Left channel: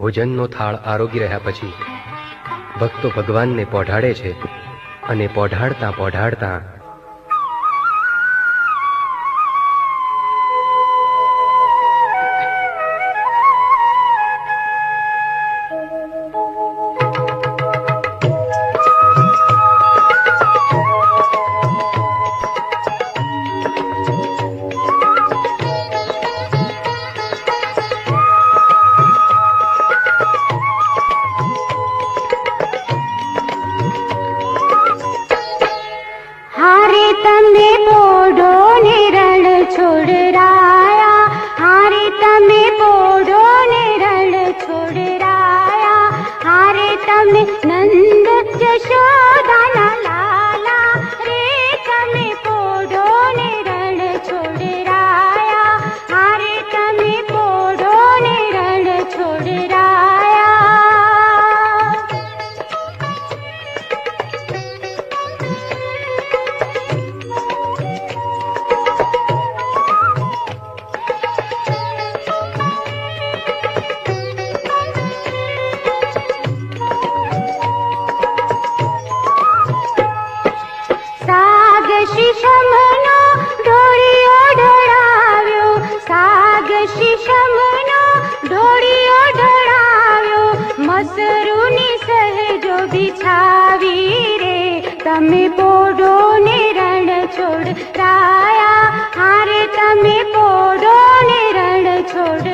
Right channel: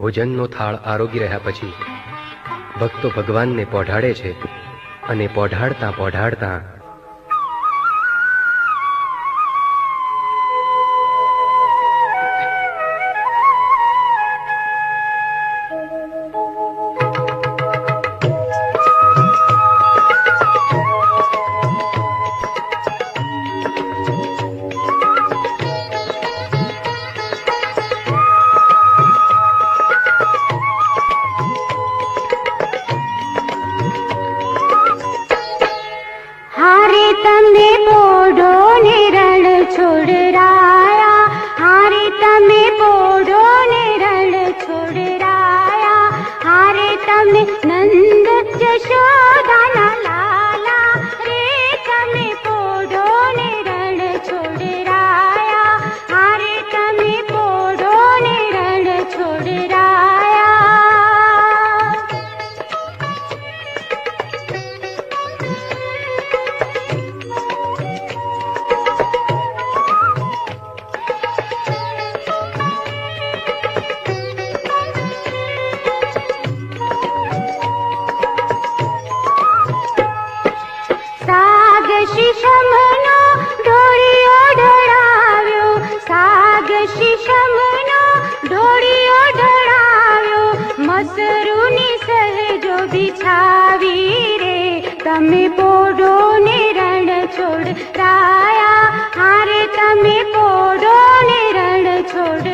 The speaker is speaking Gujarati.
ભોજનનો થાળ આરોગી રહ્યા પછી ભક્તો ભગવાનને પોઢાડે છે અને પોઢાડતા પોઢાડતા તમે પોઢો ને રણ છોડરાયા, હારે તમે પોઢો ને રણ છોડરાયા, હારે તમે નંદ જશોદાના લાલા રે, તમે પોઢો ને રણ છોડરાયા, હારે તમે પોઢો ને રણ છોડરાયા. શીશમનો ઢોળિયો ઢોળાવ્યો, સાગ શીશમનો ઢોળિયો ઢોળાવ્યો, મસરૂની સહેજો બિછાવી રે, તમે પોઢો ને રણ છોડરાયા, હારે તમે પોઢો ને રણ છોડ